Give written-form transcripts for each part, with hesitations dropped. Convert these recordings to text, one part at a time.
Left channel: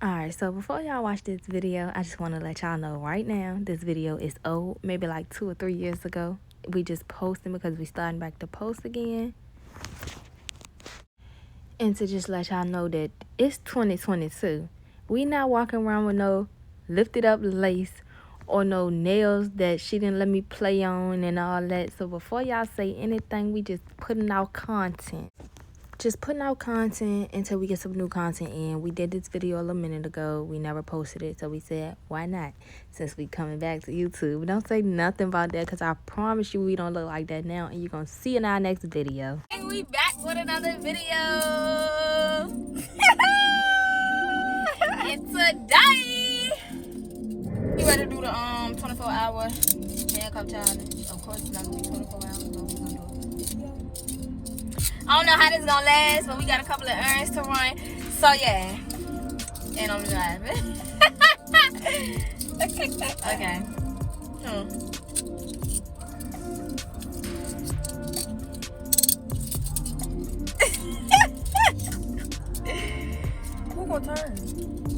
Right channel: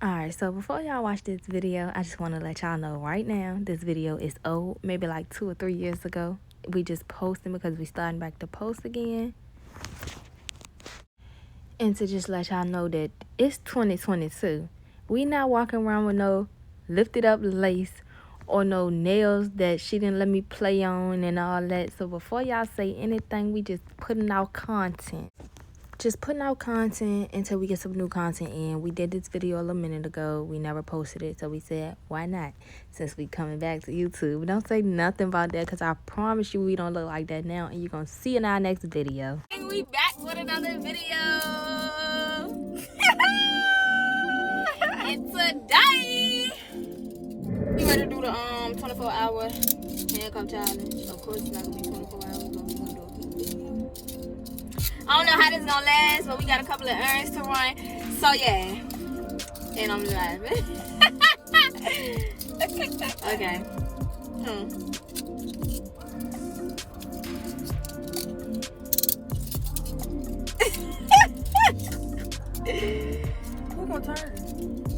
Alright, so before y'all watch this video, I just want to let y'all know right now, this video is old, maybe like 2 or 3 years ago. We just posting because we starting back to post again. And to just let y'all know that it's 2022. We not walking around with no lifted up lace or no nails that she didn't let me play on and all that. So before y'all say anything, we just putting out content. Just putting out content until we get some new content in. We did this video a little minute ago. We never posted it, so we said, why not? Since we coming back to YouTube. Don't say nothing about that, because I promise you we don't look like that now, and you're going to see in our next video. Hey, we back with another video. And today, we ready to do the 24-hour handcuff challenge. Of course, it's not going to be 24 hours, but we're going to do it. I don't know how this is gonna last, but we got a couple of errands to run. So yeah. And I'm driving. Okay. Who gonna turn?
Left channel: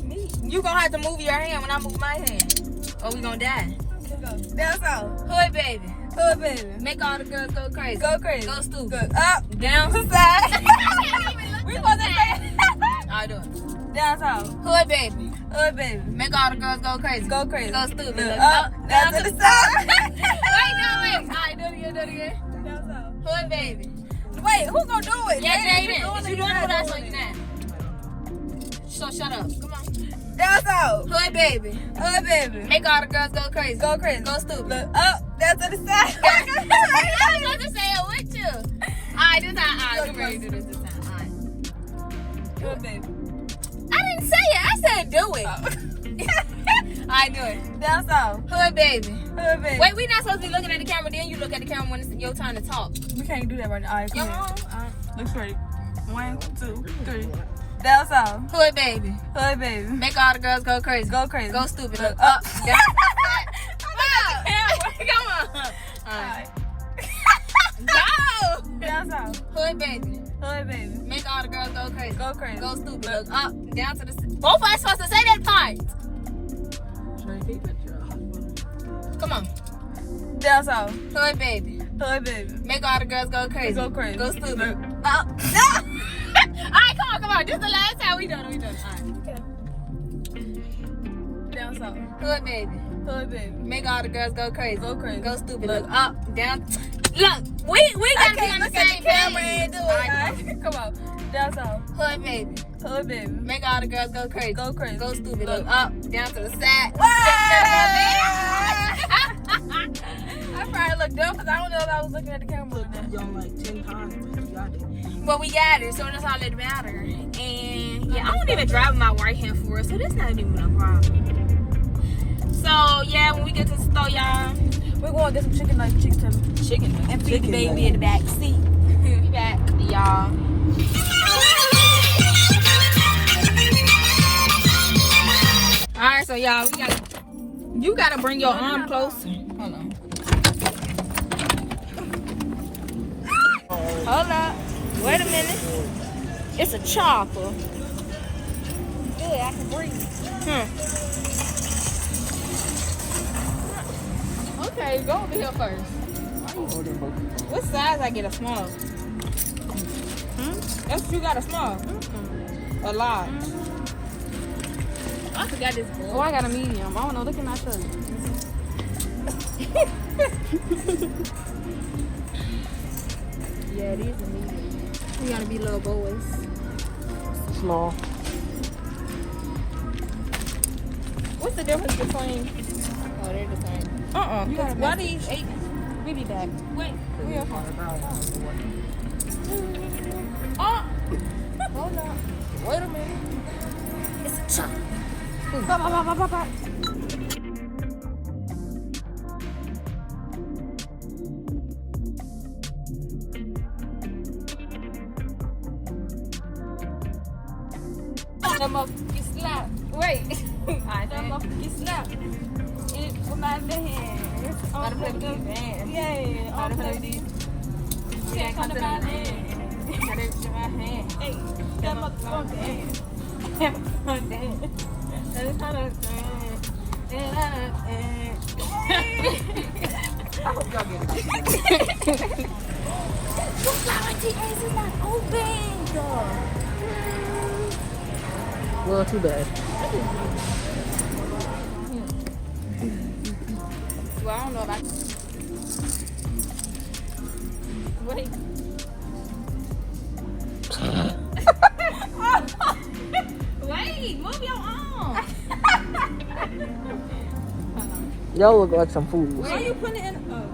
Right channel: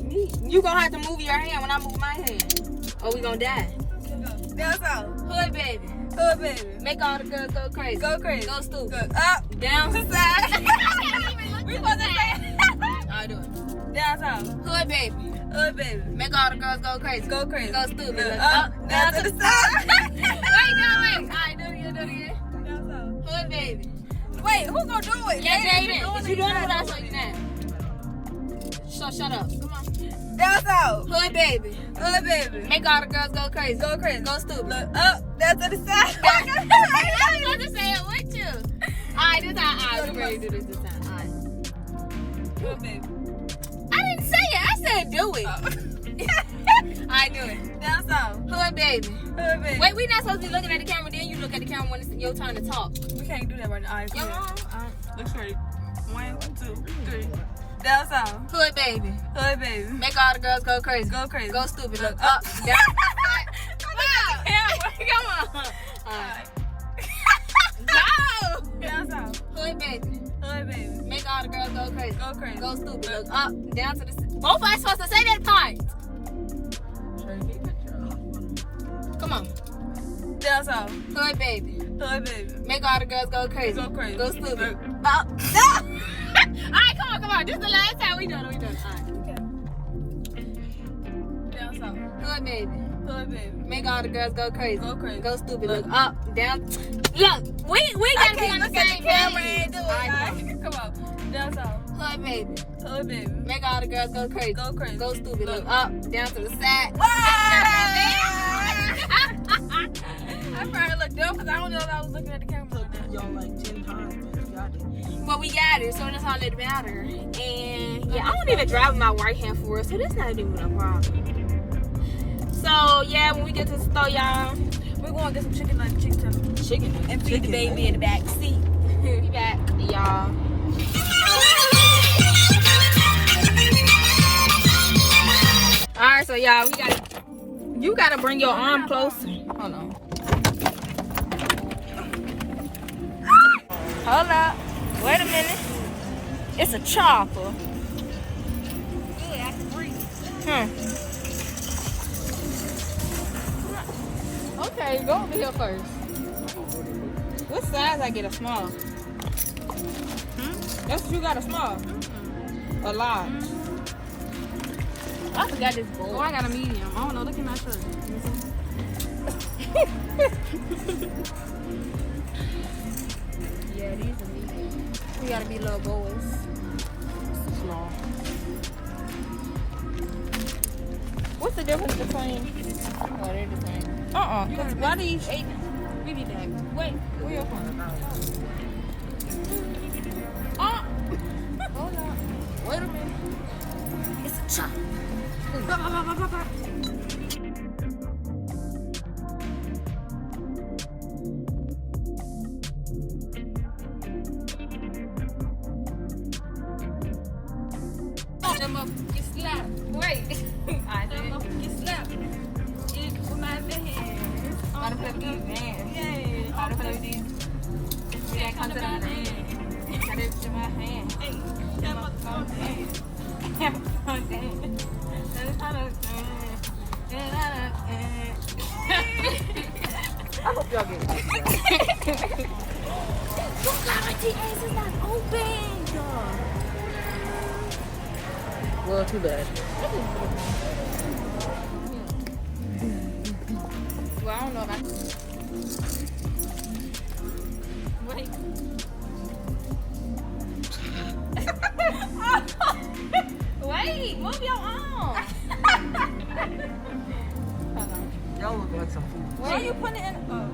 Me. You gonna have to move your hand when I move my hand. Or we gonna die. Go. Down south. Hood baby. Hood baby. Make all the girls go crazy. Go crazy. Go stupid. Up. Down side. We supposed to say I'll do it. Down south. Hood baby. Hood baby. Make all the girls go crazy. Go crazy. Go stupid. Up. Down to the side. Wait. Alright, do it again. Down south. Hood baby. Wait, who's gonna do it? Yeah, you doing it without showing that. So shut up. Come on. Down south. Hood baby. Hood baby. Make all the girls go crazy. Go crazy. Go stupid. Look up. Down to the side. I'm supposed to say it with you. Alright, this time. Alright, we ready to do this time. Alright. Hood baby. I didn't say it. I said do it. Alright, do it. Down south. Hood baby. Hood baby. Wait, we not supposed to be looking at the camera. Then you look at the camera when it's your turn to talk. We can't do that right now. Alright, look straight. 1, 2, 3. Down south. Hood baby. Hood baby. Make all the girls go crazy. Go crazy. Go stupid. Look up. Yeah. Come on. Alright. No. Down south. Hood baby. Hood baby. Make all the girls go crazy. Go crazy. Go stupid. Look up. Down to the. Both of us supposed to say that part. Come on. Down south. Hood baby. Hood baby. Make all the girls go crazy. Go crazy. Go stupid. Up. No. Alright, come on. This is the last time we done it. Alright. Okay. Down south. Hood baby. Hood baby. Make all the girls go crazy. Go crazy. Go stupid. Look up. Down. Look, we gotta be on the same camera and do it. Alright, come on. Down south. Hood baby. Hood baby. Make all the girls go crazy. Go crazy. Go stupid. Look up. Down to the side. I probably look dumb because I don't know if I was looking at the camera like that. Y'all like 10 times. Well, we got it, so that's all that matters. And yeah, I don't even drive with my right hand for it, so that's not even a problem. So yeah, when we get to the store, y'all, we're going to get some chicken and feed the baby in the back seat. We back, y'all. All right, so y'all, you gotta bring your arm closer. Hold on. Hold up. Wait a minute. It's a chopper. Yeah, I can breathe. Okay, go over here first. What size I get? A small? That's what you got, a small? A large? I forgot this boy. Oh, I got a medium. I don't know. Look at my shirt. Yeah, these are medium. We gotta be little boys. Small. What's the difference between? Oh, they're the same. Why do you 8? We be back. Wait, where you from? Oh! Hold up. Wait a minute. It's a chop. Bop. That motherfucker slap. Wait. That motherfucker slap. It's for my hands. Gotta play with these hands. Yeah. Gotta play with these. Can't come to my hands. Gotta to my hand. Hey, that motherfucker. That motherfucker. I hope y'all get it. Your galaxy ass is not open, dog. Well, too bad. Well, I don't know if I... Wait. Wait, move your arm. Y'all look like some fools. Why you putting it in? Oh.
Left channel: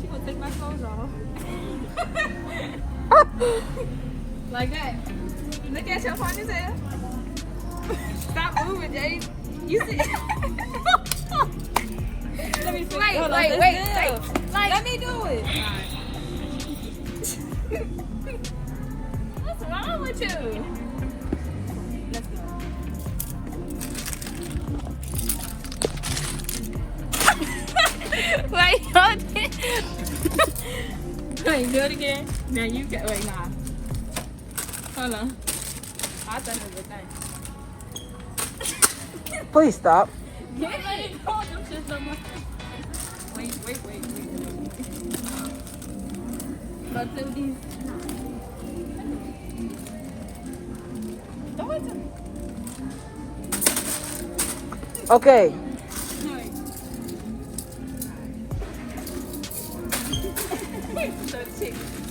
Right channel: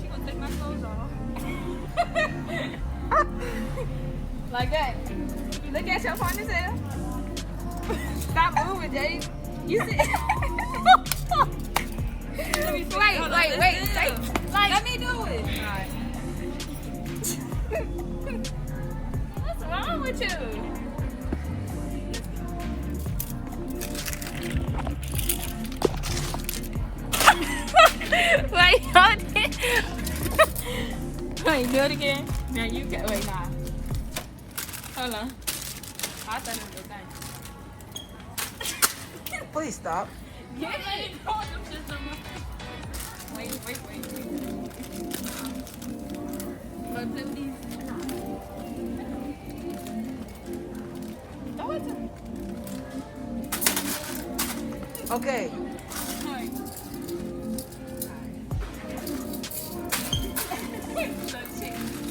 She gonna take my clothes off. Like that. Look at your ponytail. Stop moving, Jay. You see? Let me fix it. Wait. Let me do it. What's wrong with you? Let's go. Wait, hold it. Wait, do it again. No, you can. Wait, nah. Hold on. I thought it was a thing. Please stop. Yeah, let it go. Them shits on my... Wait. But do these. Throw it to me. Okay.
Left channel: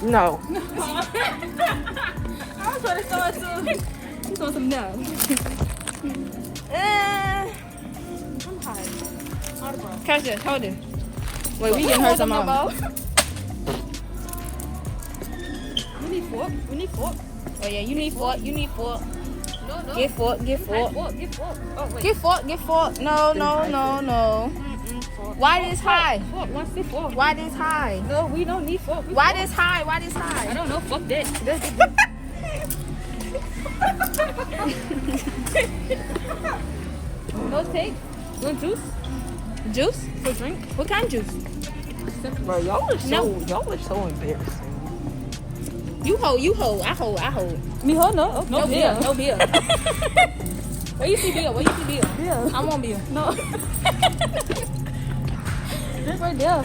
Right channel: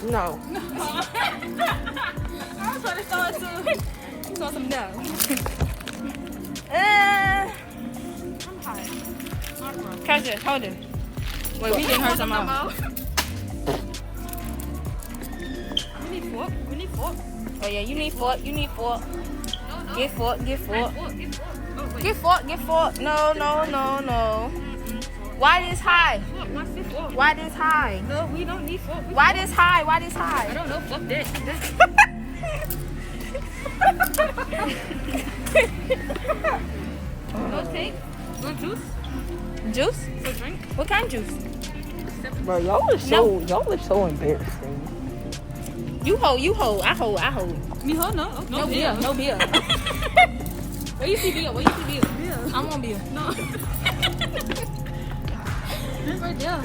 No. I was trying to throw it to... You saw some no. I'm high. Catch it, hold it. Wait, we getting hurt somehow. We need fork. Oh yeah, you need fork. No. Get fork. Get fork. Oh, wait. Get fork. No. Why this high? Fork. My sit fork. Why this high? No, we don't need fork. Why this high? I don't know. Fuck that. No take. No juice. Juice? No drink. What kind of juice? Bro, y'all are so embarrassing. You hold. I hold. Me hold no. No beer. Where you see beer? Yeah. I want beer. No. Right there.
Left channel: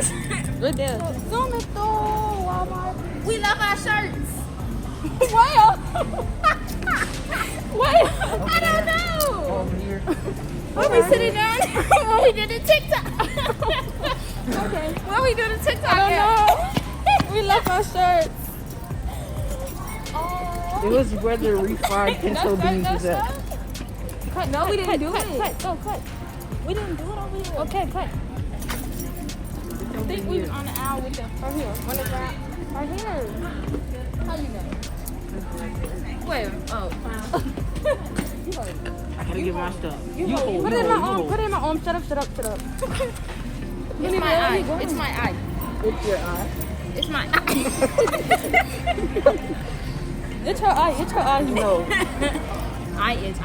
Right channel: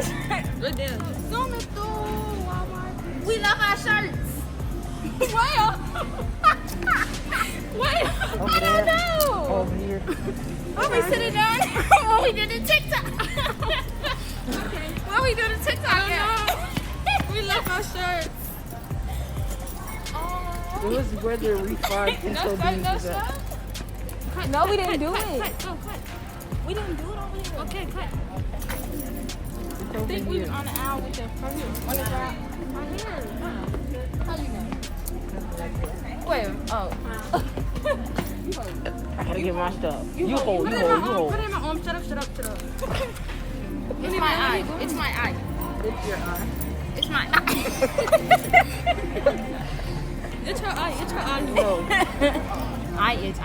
Zoom it through, Walmart. We left our shirts. Where? I don't know. Over here. Where we sitting down? When we did the TikTok. Okay. Where we do the TikTok at? We left our shirts. It was rather refined. No shirt. Cut. No, we didn't do it. Cut. We didn't do it over here. Okay, cut. I think we was on the aisle with the right here. What is that? Right here. How you know? Where? Oh. I can't get my stuff. You hold. Put it in my arm. Put it in my arm. Shut up. It's my eye. It's my eye. It's your eye. It's my eye. It's her eye, you know. I itch.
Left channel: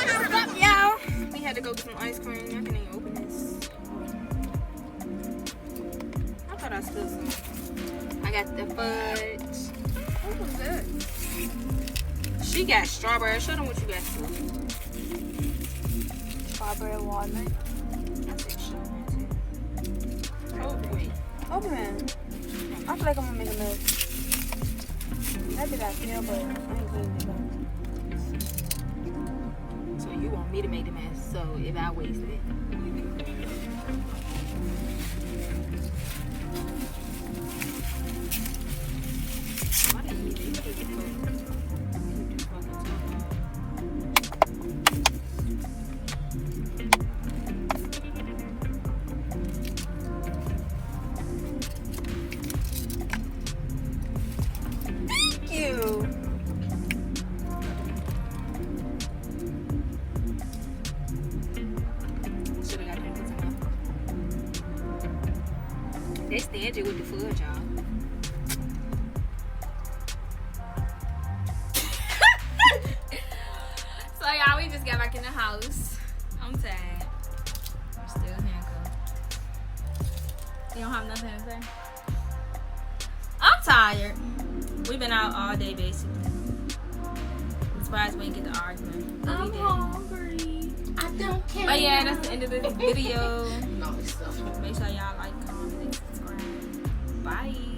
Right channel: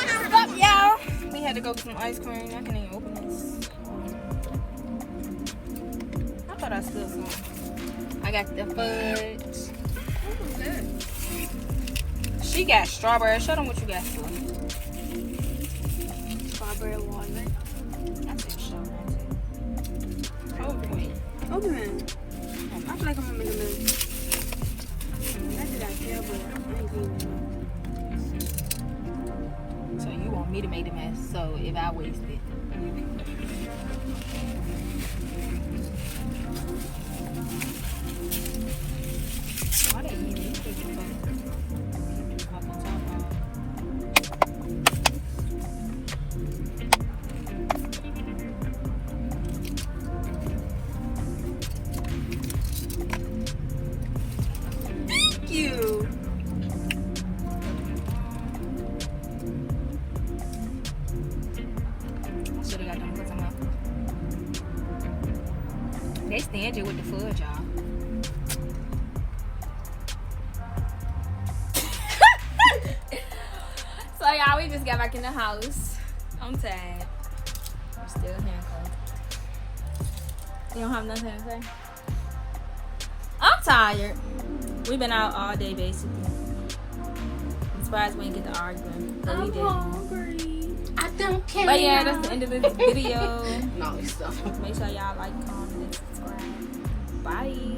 What's up, y'all? We had to go get some ice cream. I can't even open this. I thought I spilled some. I got the fudge. What was that? She got strawberry. Show them what you got. Strawberry walnut. I think strawberry. Open it. I feel like I'm gonna make a mess. I did that feel, but I ain't doing it. So and you want me to make the mess. So if I waste it, why they eat it? Keep the fucking top off. Thank you. They stand it with the fudge, y'all. So, y'all, we just got back in the house. I'm tired. We're still handcuffed. You don't have nothing to say? I'm tired. We've been out all day, basically. I'm surprised we didn't get to arguing. But we did. Hungry. I don't care. But yeah, that's the end of this video. No, it's stuff. Make sure y'all like, comment, and subscribe. Bye.